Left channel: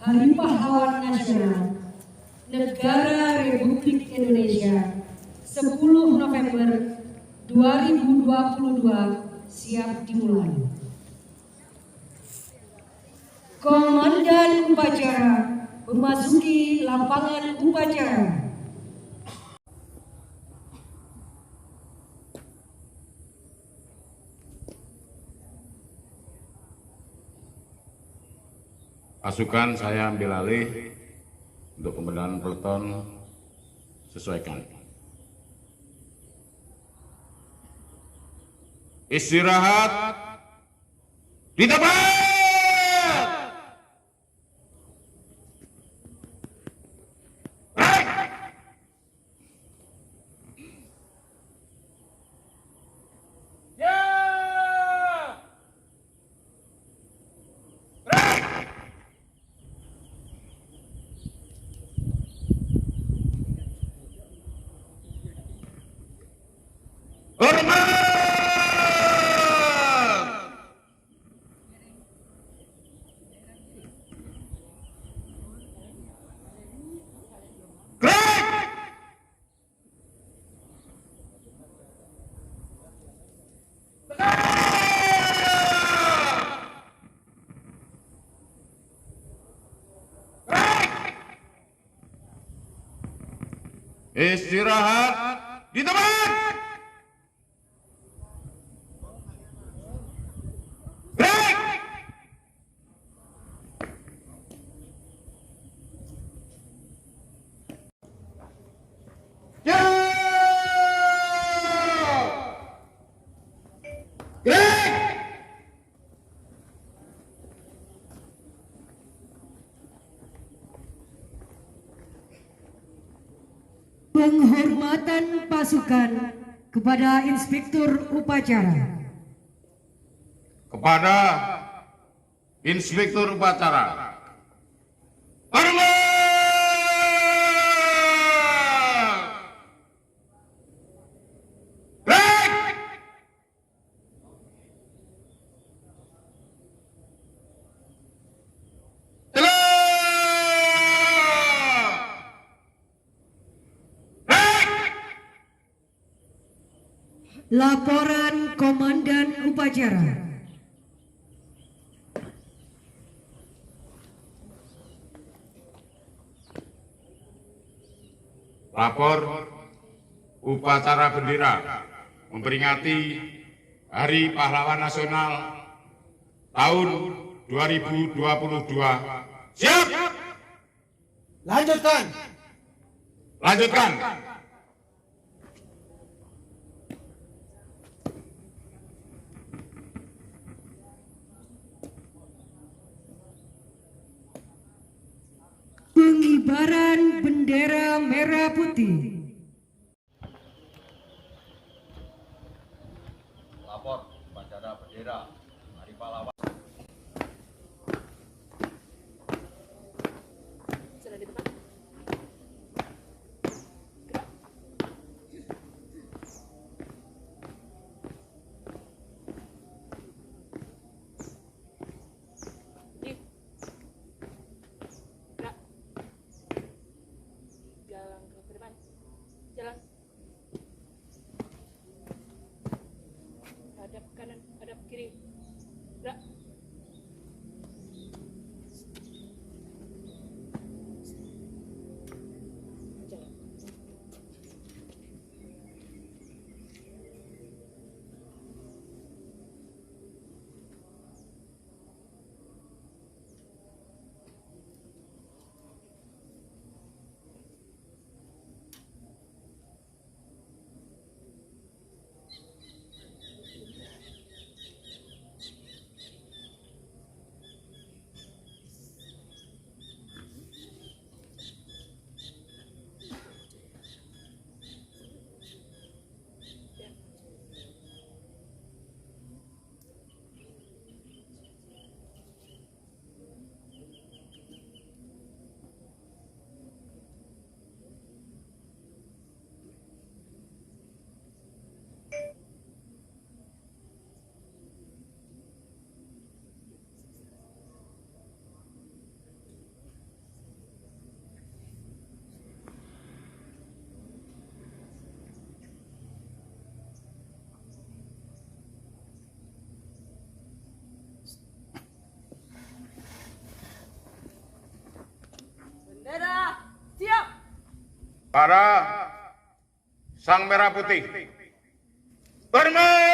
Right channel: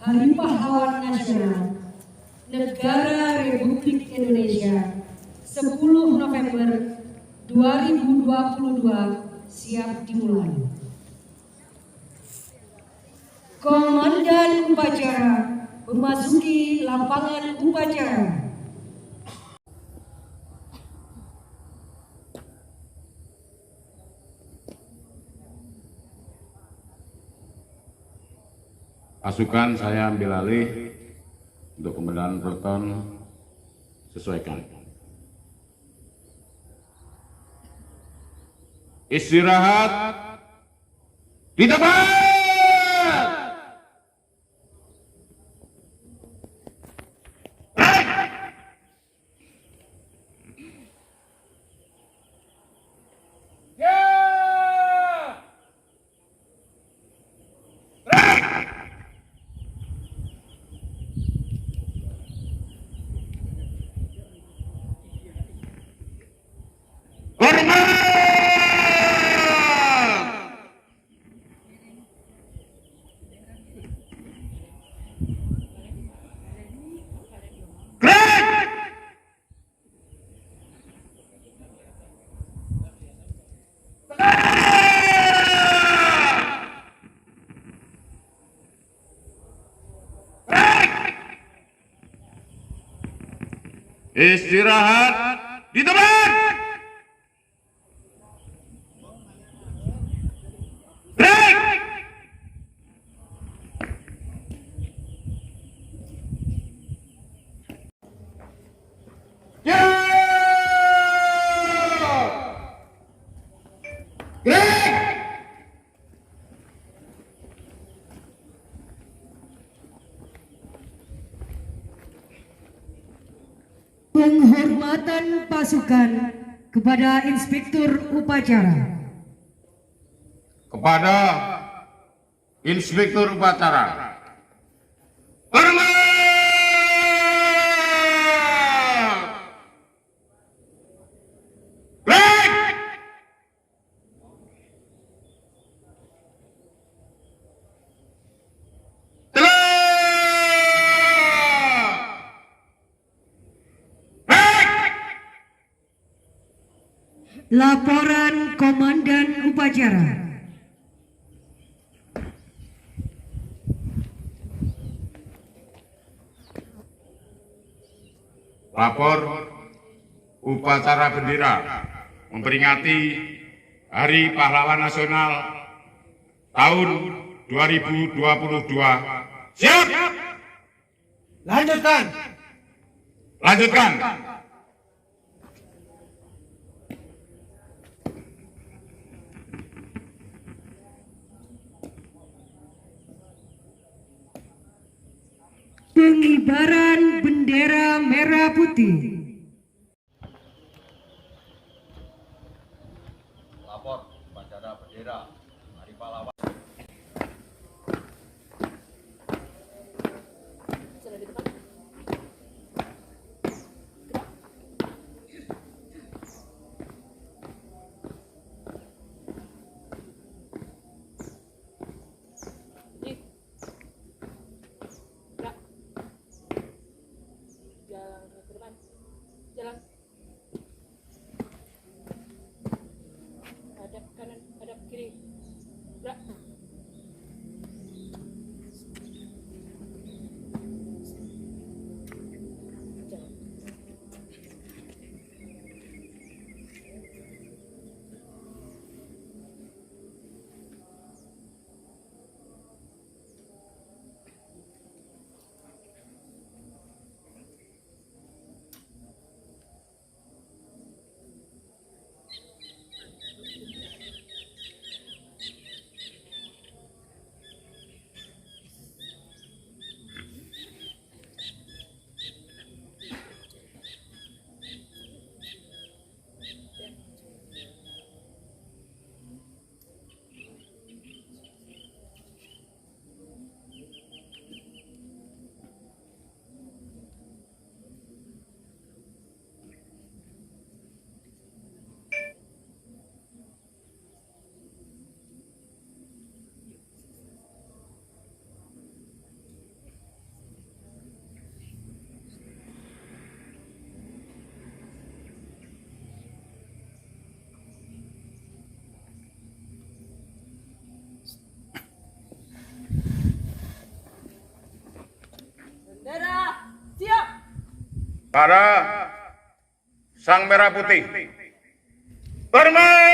Hari Pahlawan Nasional Negara Republik Indonesia 10 November 2022 siap dimulai. Komandan upacara memasuki lapangan upacara. Pasukan saya ambil alih untuk pembenahan peleton sesuaikan. Istirahat di tempat. Istirahat di tempat. Break. Ya. Break. Penghormatan pasukan kepada Inspektur Upacara. Kepada Inspektur Upacara. Hormat! Break! Laporan Komandan Upacara. Lapor upacara bendera memperingati Hari Pahlawan Nasional tahun 2022. Siap! Lanjutkan. Lanjutkan. Pengibaran bendera merah putih. Lapor upacara bendera Hari Pahlawan. Jalan ke depan, jalan hadap kanan, hadap kiri. para Sang Merah Putih. Hormat!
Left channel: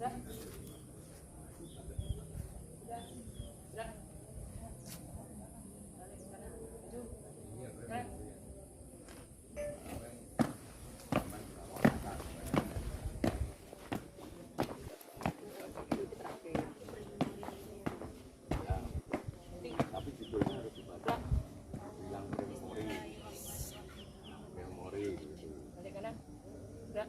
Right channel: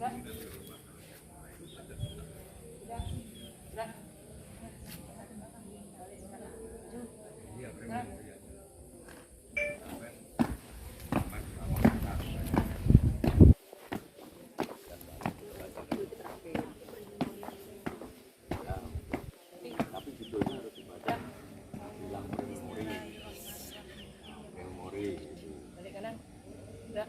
Baik! Balik kanan. Gerak.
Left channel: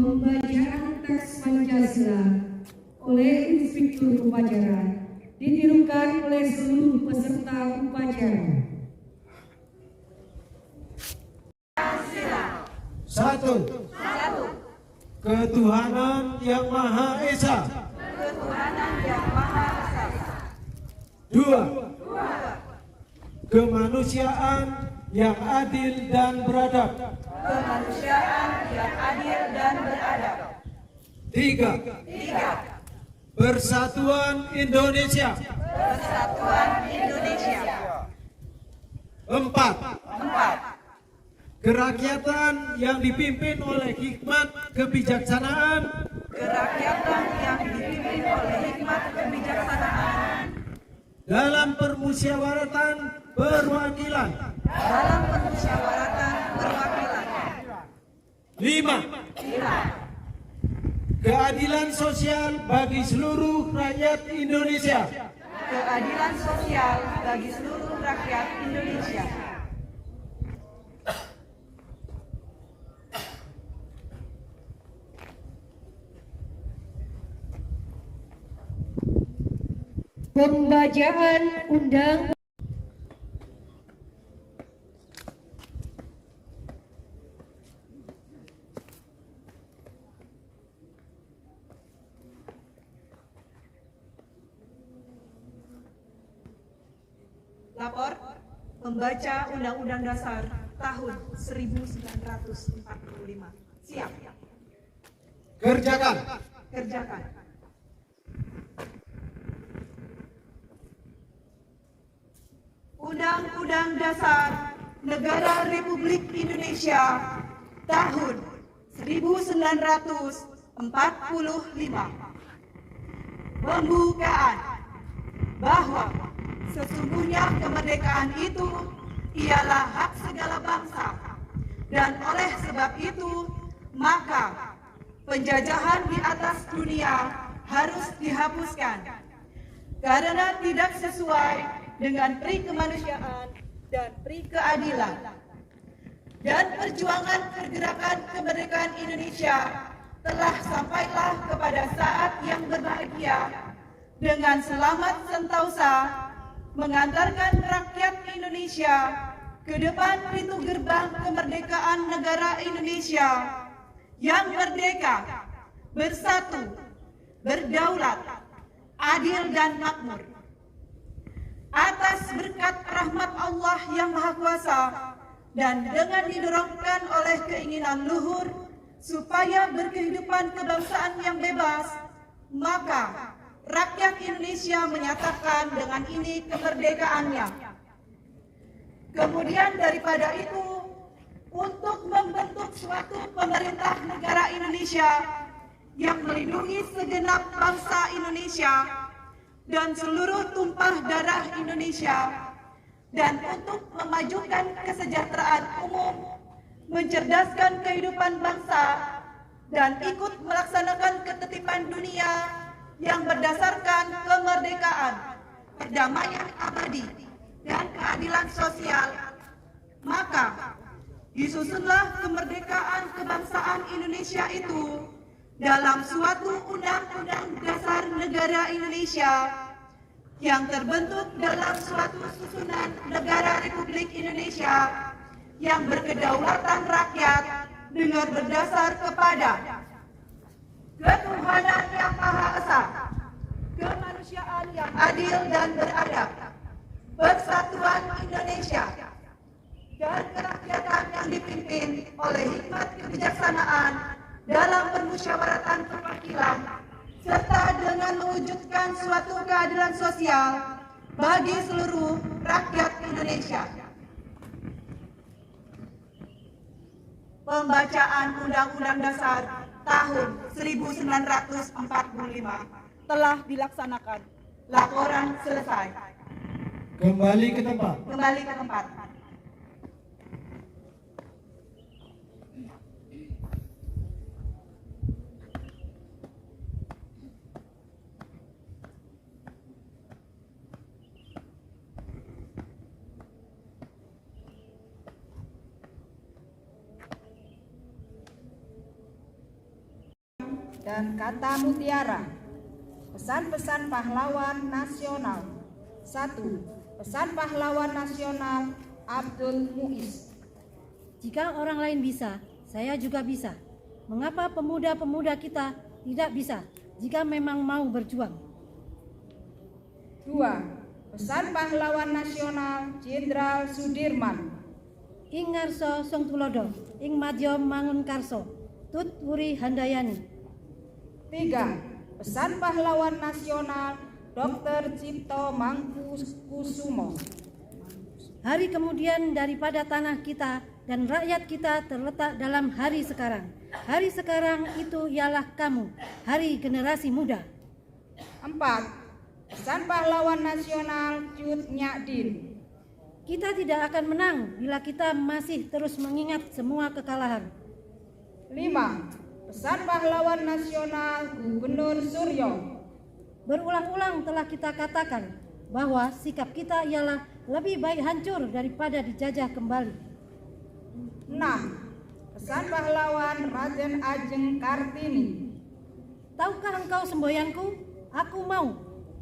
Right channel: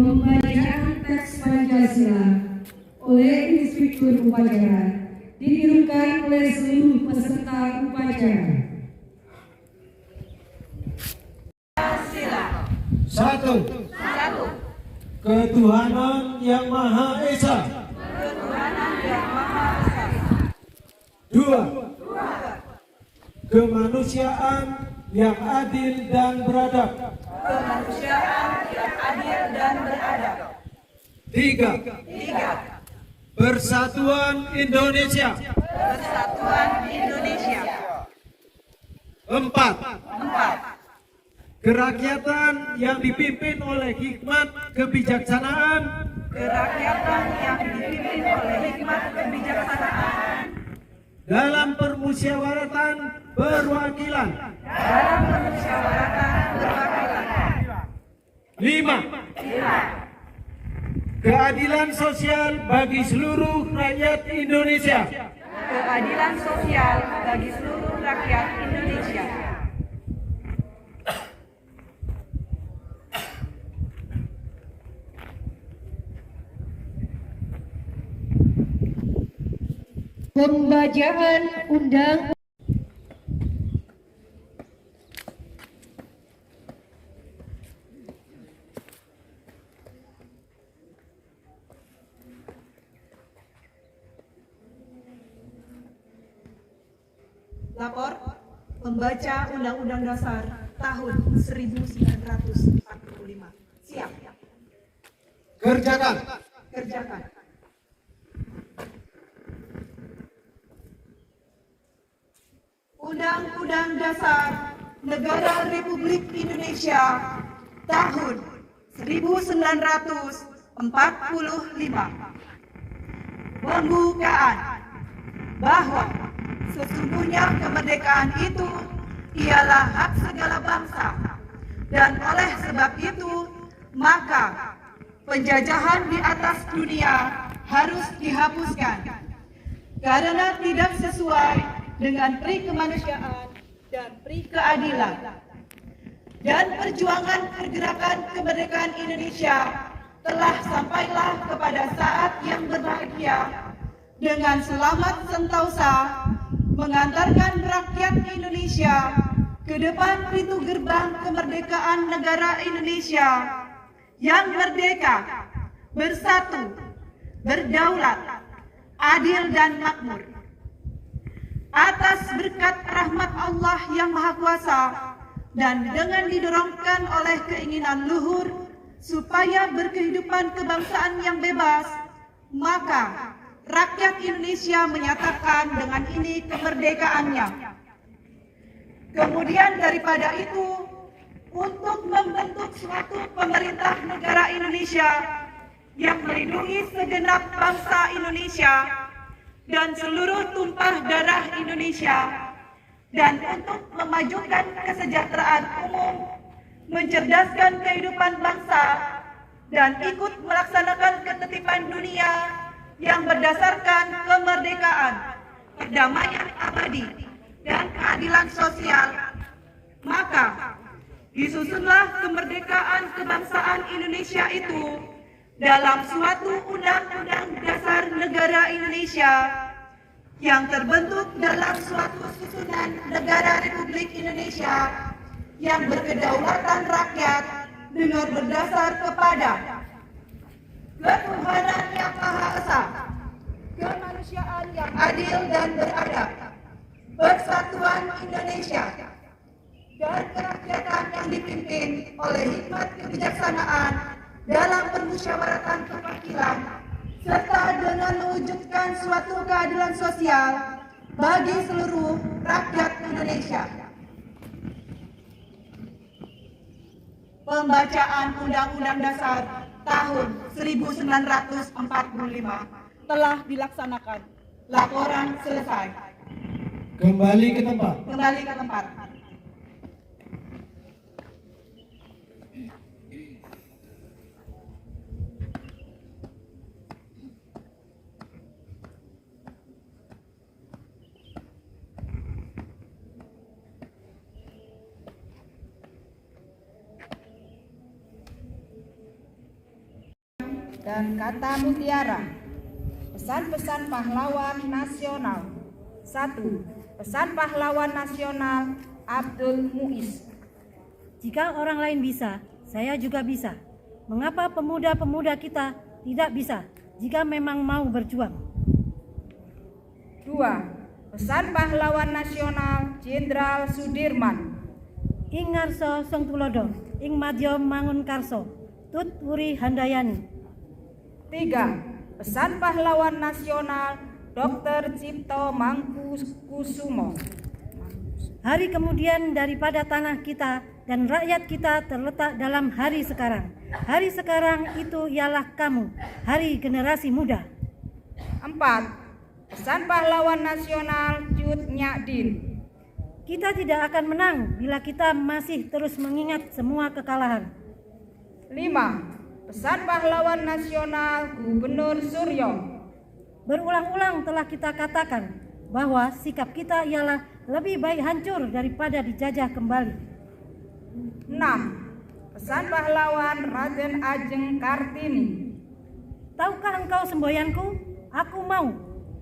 Pembacaan teks Pancasila oleh Inspektur Upacara ditirukan oleh seluruh peserta upacara. Satu. Ketuhanan yang Maha Esa. Dua. Kemanusiaan yang adil dan beradab. Tiga. Persatuan Indonesia. Empat. Kerakyatan yang dipimpin oleh hikmat kebijaksanaan. Dalam permusyawaratan perwakilan. Lima. Keadilan sosial bagi seluruh rakyat Indonesia. Pembacaan undang Lapor pembaca Undang-Undang Dasar tahun 1945. Siap. Kerjakan. Kerjakan. Undang-Undang Dasar Negara Republik Indonesia tahun 1945. Pembukaan bahwa sesungguhnya kemerdekaan itu ialah hak segala bangsa, dan oleh sebab itu maka penjajahan di atas dunia harus dihapuskan karena tidak sesuai dengan pri kemanusiaan dan pri keadilan. Dan perjuangan pergerakan kemerdekaan Indonesia telah sampailah kepada saat yang berbahagia dengan selamat sentosa mengantarkan rakyat Indonesia ke depan pintu gerbang kemerdekaan negara Indonesia yang merdeka, bersatu, berdaulat, adil dan makmur. Atas berkat rahmat Allah yang Maha Kuasa dan dengan didorongkan oleh keinginan luhur supaya berkehidupan kebangsaan yang bebas, maka rakyat Indonesia menyatakan dengan ini kemerdekaannya. Kemudian daripada itu, untuk membentuk suatu pemerintah negara Indonesia yang melindungi segenap bangsa Indonesia dan seluruh tumpah darah Indonesia, dan untuk memajukan kesejahteraan umum, mencerdaskan kehidupan bangsa, dan ikut melaksanakan ketertiban dunia yang berdasarkan kemerdekaan, perdamaian abadi, dan keadilan sosial, maka disusunlah kemerdekaan kebangsaan Indonesia itu dalam suatu undang-undang dasar negara Indonesia yang terbentuk dalam suatu susunan negara Republik Indonesia yang berkedaulatan rakyat dengan berdasar kepada ketuhanan yang Maha Esa, kemanusiaan yang adil dan beradab, persatuan Indonesia, dan kerakyatan yang dipimpin oleh hikmat kebijaksanaan dalam permusyawaratan perwakilan, serta dengan mewujudkan suatu keadilan sosial bagi seluruh rakyat Indonesia. Pembacaan Undang-Undang Dasar tahun 1945 telah dilaksanakan. Laporan selesai. Kembali ke tempat. Kembali ke tempat. dan kata mutiara. Pesan-pesan pahlawan nasional. 1. Pesan pahlawan nasional Abdul Muiz. Jika orang lain bisa, saya juga bisa. Mengapa pemuda-pemuda kita tidak bisa jika memang mau berjuang? 2. Pesan pahlawan nasional Jenderal Sudirman. Ing ngarso song tulodo, ing madya mangun karso, tut wuri handayani. 3. Pesan pahlawan nasional Dr. Cipto Mangkukusumo. Hari kemudian daripada tanah kita dan rakyat kita terletak dalam hari sekarang. Hari sekarang itu ialah kamu, hari generasi muda. 4. Pesan pahlawan nasional Cut Nyadin. Kita tidak akan menang bila kita masih terus mengingat semua kekalahan. 5. Pesan pahlawan nasional Gubernur Suryo. Berulang-ulang telah kita katakan bahwa sikap kita ialah lebih baik hancur daripada dijajah kembali. 6. Pesan pahlawan Raden Ajeng Kartini. Tahukah engkau semboyanku? Aku mau.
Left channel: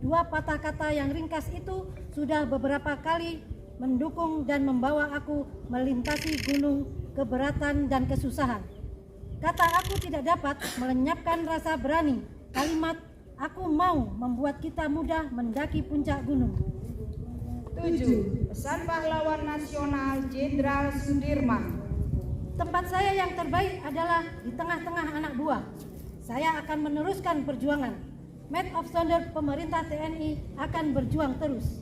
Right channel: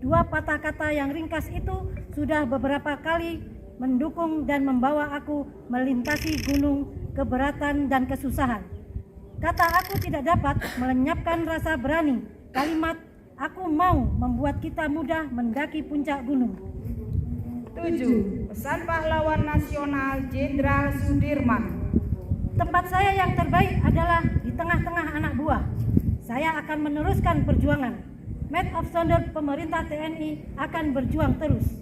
Dua patah kata yang ringkas itu sudah beberapa kali mendukung dan membawa aku melintasi gunung keberatan dan kesusahan. Kata aku tidak dapat melenyapkan rasa berani. Kalimat aku mau membuat kita mudah mendaki puncak gunung. 7. Pesan pahlawan nasional Jenderal Sudirman. Tempat saya yang terbaik adalah di tengah-tengah anak buah. Saya akan meneruskan perjuangan. Maid of Honor pemerintah TNI akan berjuang terus.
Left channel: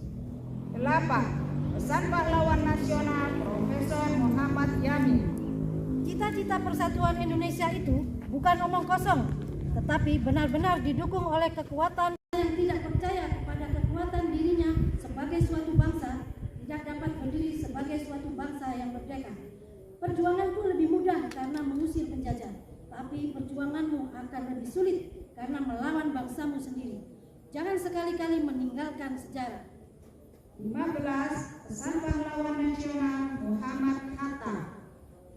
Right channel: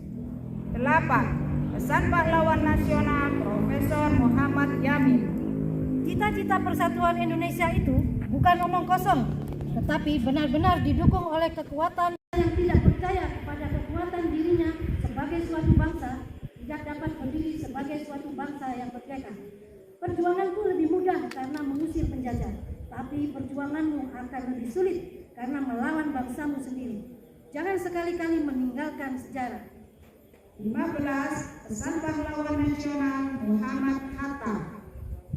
8. Pesan pahlawan nasional Profesor Muhammad Yamin. Cita-cita persatuan Indonesia itu bukan omong kosong, tetapi benar-benar didukung oleh kekuatan yang tidak percaya kepada kekuatan dirinya sebagai suatu bangsa, tidak dapat berdiri sebagai suatu bangsa yang merdeka. Perjuanganku lebih mudah karena mengusir penjajah, tapi perjuanganmu akan lebih sulit karena melawan bangsamu sendiri. Jangan sekali-kali meninggalkan sejarah. 15. Pesan pahlawan nasional Muhammad Hatta.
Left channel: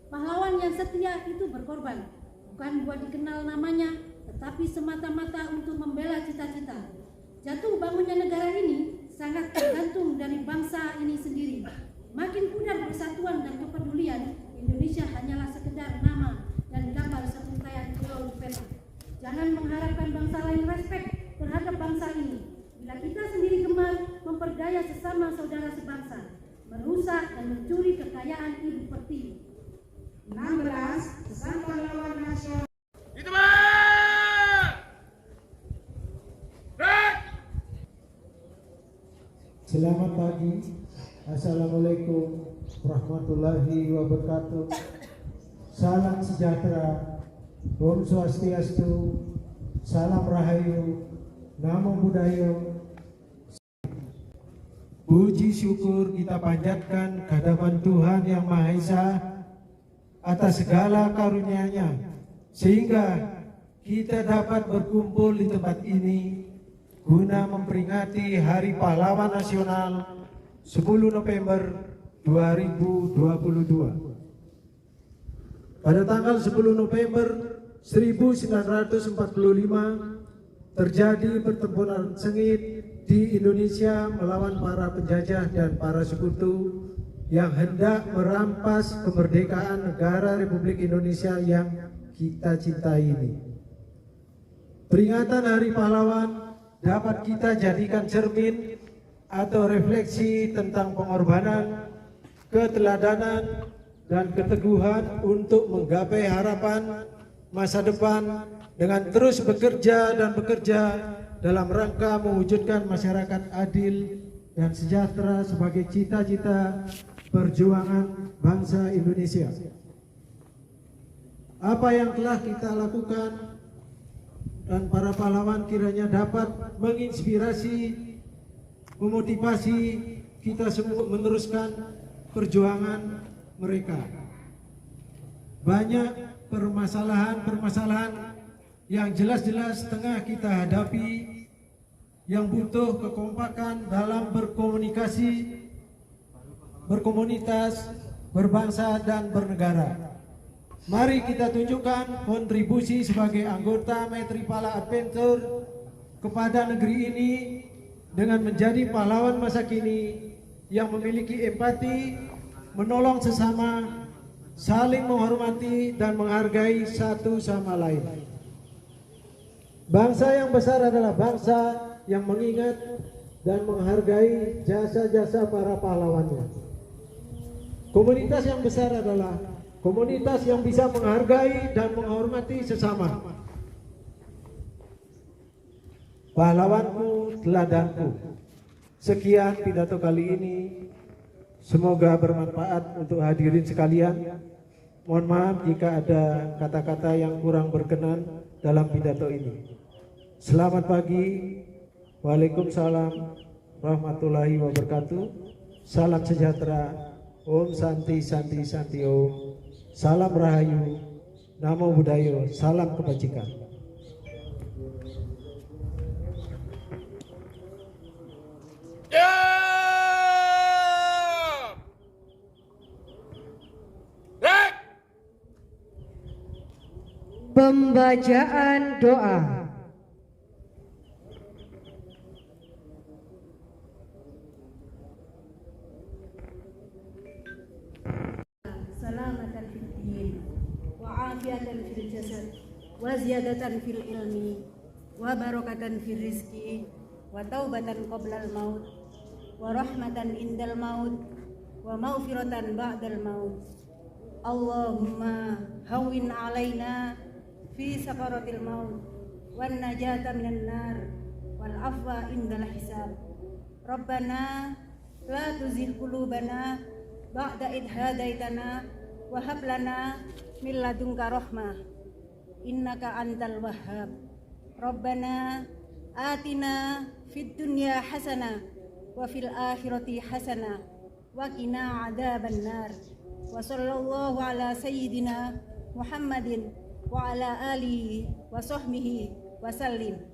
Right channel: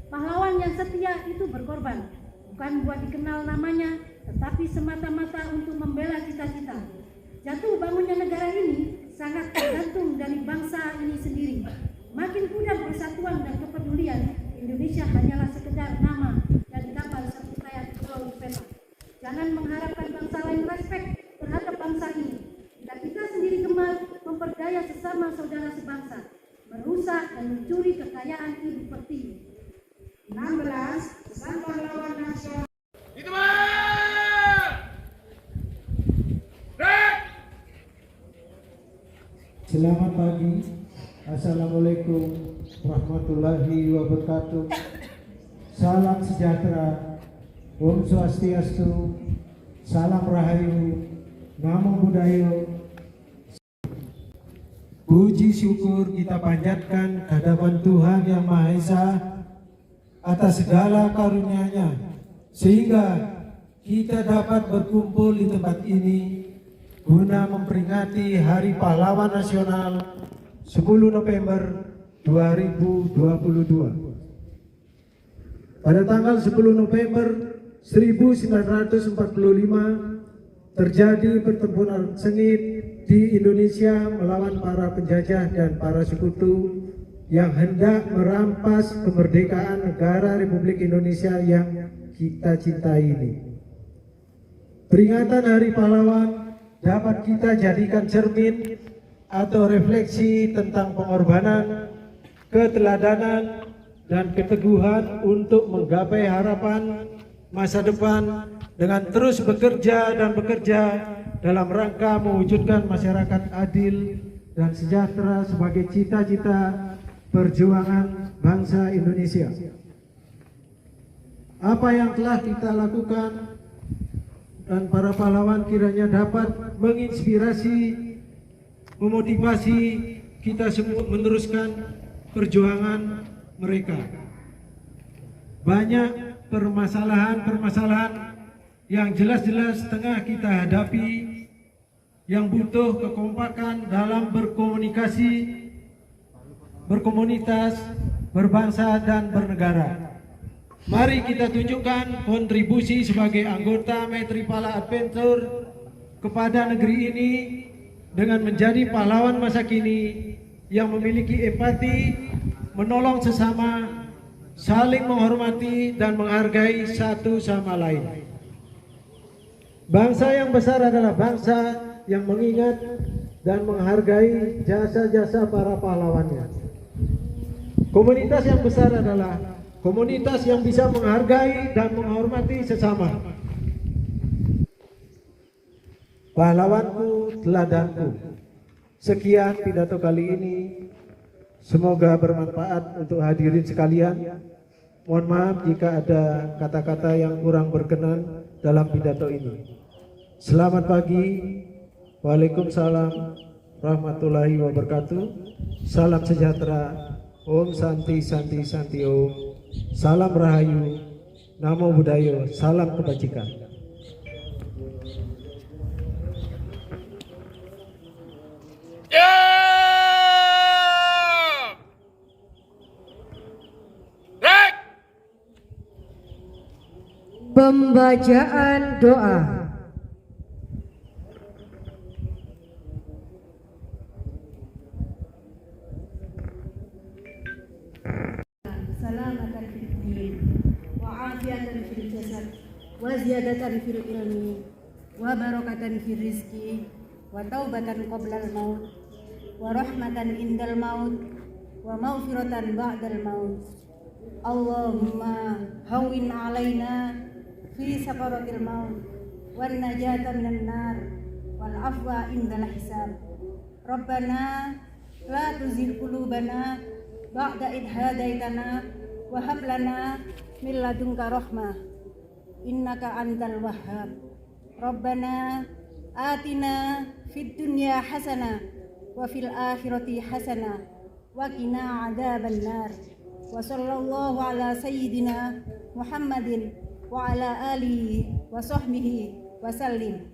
Pahlawan yang setia itu berkorban, bukan buat dikenal namanya, tetapi semata-mata untuk membela cita-cita. Jatuh bangunnya negara ini sangat tergantung dari bangsa ini sendiri. Makin pudar persatuan dan kepedulian, Indonesia hanyalah sekedar nama dan gambar serangkaian pulau di peta. Jangan mengharapkan bangsa lain respek terhadap bangsa ini. Bila kita sendiri gemar memperdaya sesama saudara sebangsa, merusak dan mencuri kekayaan ibu pertiwi. 16. Pesan pahlawan nasional. Itu Bang! Break! Selamat pagi. Assalamualaikum warahmatullahi wabarakatuh. Salam sejahtera. Om Swastiastu. Salam Rahayu. Namo Buddhaya. Puji syukur kita panjatkan kehadiran Tuhan Yang Maha Esa atas segala karunia-Nya, sehingga kita dapat berkumpul di tempat ini guna memperingati Hari Pahlawan Nasional 10 November 2022. Pada tanggal 10 November 1945 terjadi pertempuran sengit di Indonesia melawan para penjajah dan para sekutu yang hendak merampas kemerdekaan negara Republik Indonesia yang kita cintai ini. Peringatan Hari Pahlawan dapat kita jadikan cermin atau refleksi tentang pengorbanan, keteladanan, dan keteguhan untuk menggapai harapan masa depan dengan terus bekerja dalam rangka mewujudkan masyarakat adil dan sejahtera sebagai cita-cita perjuangan bangsa Indonesia. Apa yang telah kita lakukan dan para pahlawan kiranya dapat menginspirasi, memotivasi kita semua meneruskan perjuangan mereka. Banyak permasalahan-permasalahan yang jelas-jelas tengah kita hadapi yang butuh kekompakan dalam berkomunikasi, berkomunitas, berbangsa dan bernegara. Mari kita tunjukkan kontribusi sebagai anggota Maitri-Pala Adventure kepada negeri ini dengan menjadi pahlawan masa kini yang memiliki empati, menolong sesama, saling menghormati dan menghargai satu sama lain. Bangsa yang besar adalah bangsa yang mengingat dan menghargai jasa-jasa para pahlawannya. Komunitas yang besar adalah komunitas yang bisa menghargai dan menghormati sesama. Pahlawanku, teladanku. Sekian pidato kali ini. Semoga bermanfaat untuk hadirin sekalian. Mohon maaf jika ada kata-kata yang kurang berkenan dalam pidato ini. Selamat pagi. Waalaikumsalam warahmatullahi wabarakatuh. Salam sejahtera. Om Santi Santi Santi Om. Salam Rahayu, Namo Buddhaya, salam kebajikan. Pembacaan doa. Salamatan fid din wa afiatan fil jasad wa ziyadatan fil ilmi wa barakatan fil rizki wa taubatan qoblal maut wa rahmatan indal maut wa maghfiratan ba'dal maut. Allahumma hawwin alaina fi sakaratil maut wan najata minan nar wal afwa indal hisab. Rabbana la tuzigh qulubana ba'da idh hadaitana wa hab lana min ladunka rahmah innaka antal wahhab. Rabbana atina fid dunya hasanah wa fil akhirati hasanah wa qina adzaban nar. Wa sallallahu ala sayyidina Muhammadin wa ala alihi wa sahbihi wa sallim.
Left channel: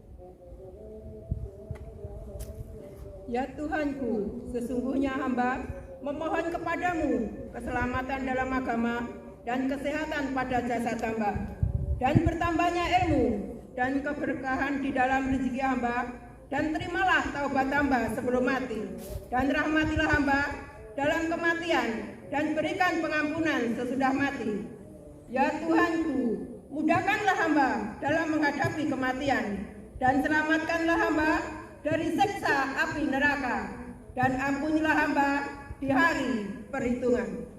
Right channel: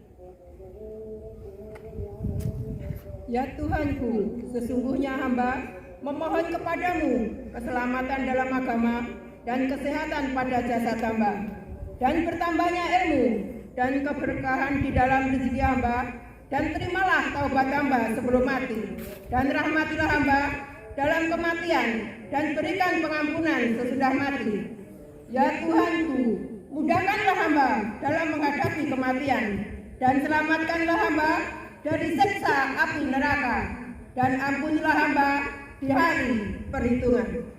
Ya Tuhanku, sesungguhnya hamba memohon kepadamu keselamatan dalam agama dan kesehatan pada jasad hamba, dan bertambahnya ilmu dan keberkahan di dalam rezeki hamba, dan terimalah taubat hamba sebelum mati, dan rahmatilah hamba dalam kematian, dan berikan pengampunan sesudah mati. Ya Tuhanku, mudahkanlah hamba dalam menghadapi kematian, dan selamatkanlah hamba dari siksa api neraka, dan ampunilah hamba di hari perhitungan.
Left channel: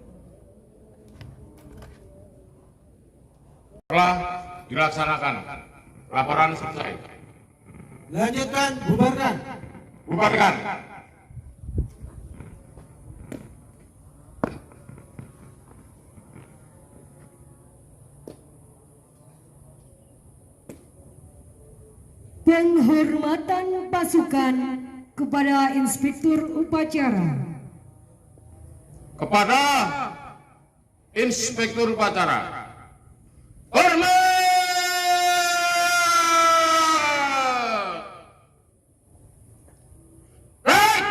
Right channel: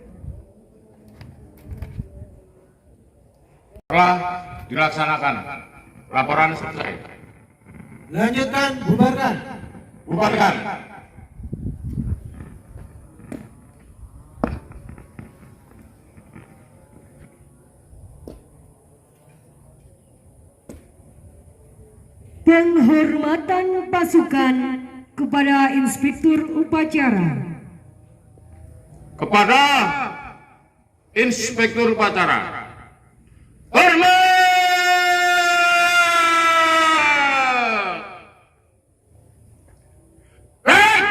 Telah dilaksanakan. Laporan selesai. Lanjutkan, bubarkan. Bubarkan. Penghormatan pasukan kepada Inspektur Upacara. Kepada Inspektur Upacara, hormat! Baik!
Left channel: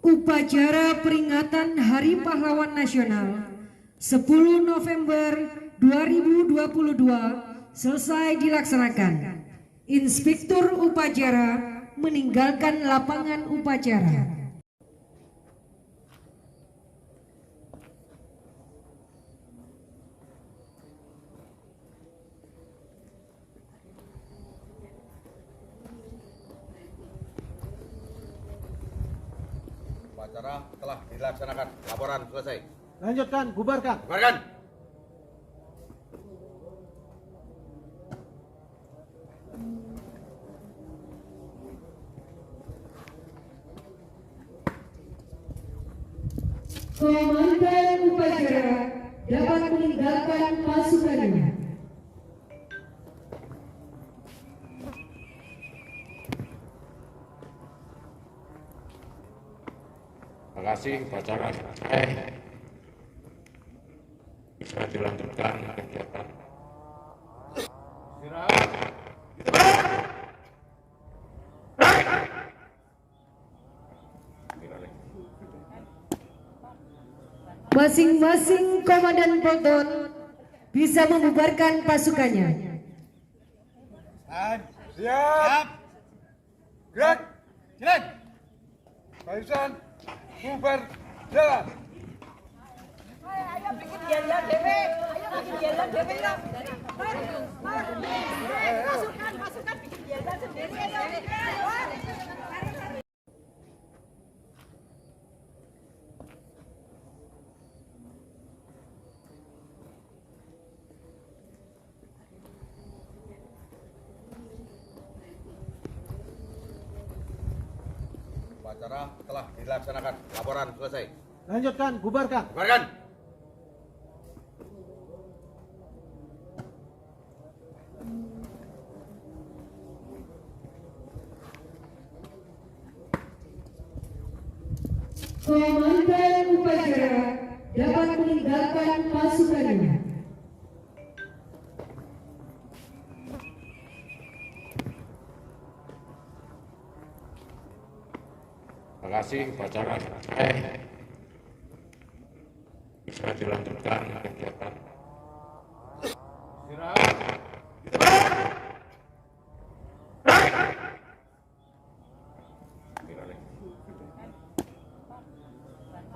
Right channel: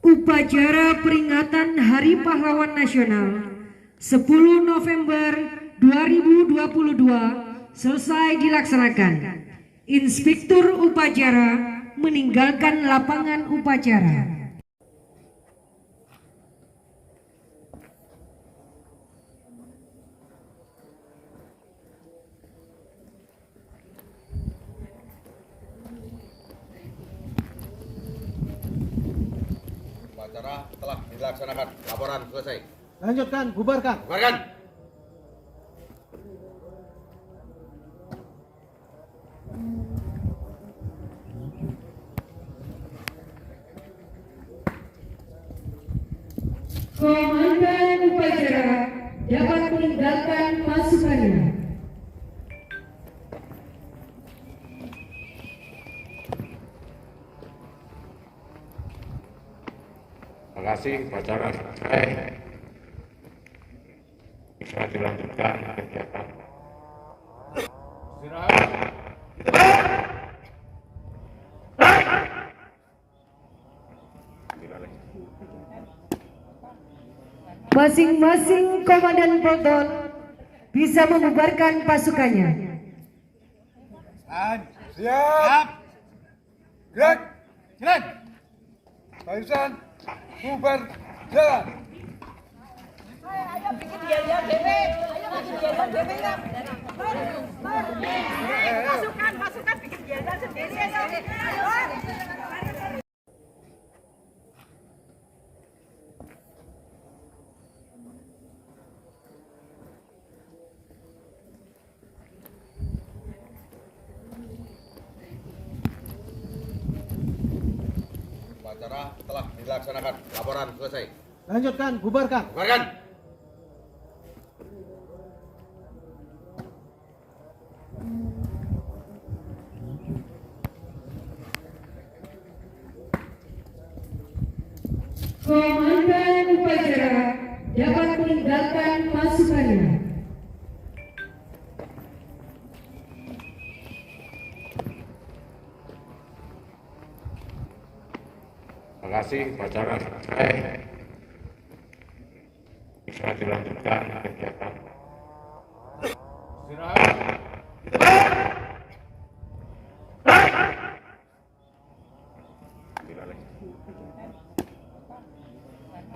Upacara peringatan Hari Pahlawan Nasional 10 November 2022 selesai dilaksanakan. Inspektur Upacara meninggalkan lapangan upacara. Upacara telah dilaksanakan. Laporan selesai. Lanjutkan, bubarkan. Bubarkan. Komandan upacara dapat meninggalkan pasukannya. Terima kasih, upacara selesai. Bisa dilanjutkan kegiatan. Istirahat. Masing-masing komandan peleton bisa membubarkan pasukannya. Siap. Gerak. Jalan. Barisan bubar jalan. Pasukan bikin jalan sendiri. Ayo. Upacara telah dilaksanakan. Laporan selesai. Lanjutkan, bubarkan. Bubarkan. Komandan upacara dapat meninggalkan pasukannya. Terima kasih, upacara selesai. Bisa dilanjutkan kegiatan. Istirahat.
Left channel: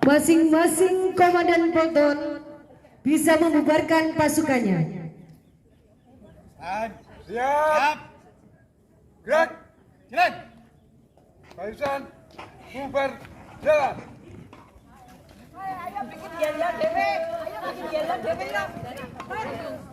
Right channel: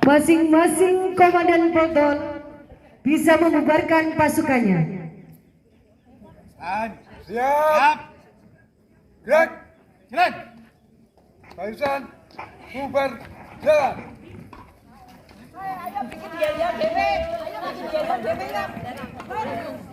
Masing-masing komandan peleton bisa membubarkan pasukannya. Siap. Gerak. Jalan. Barisan bubar jalan. Ayo bikin jalan dewe. Ayo bikin jalan dewe.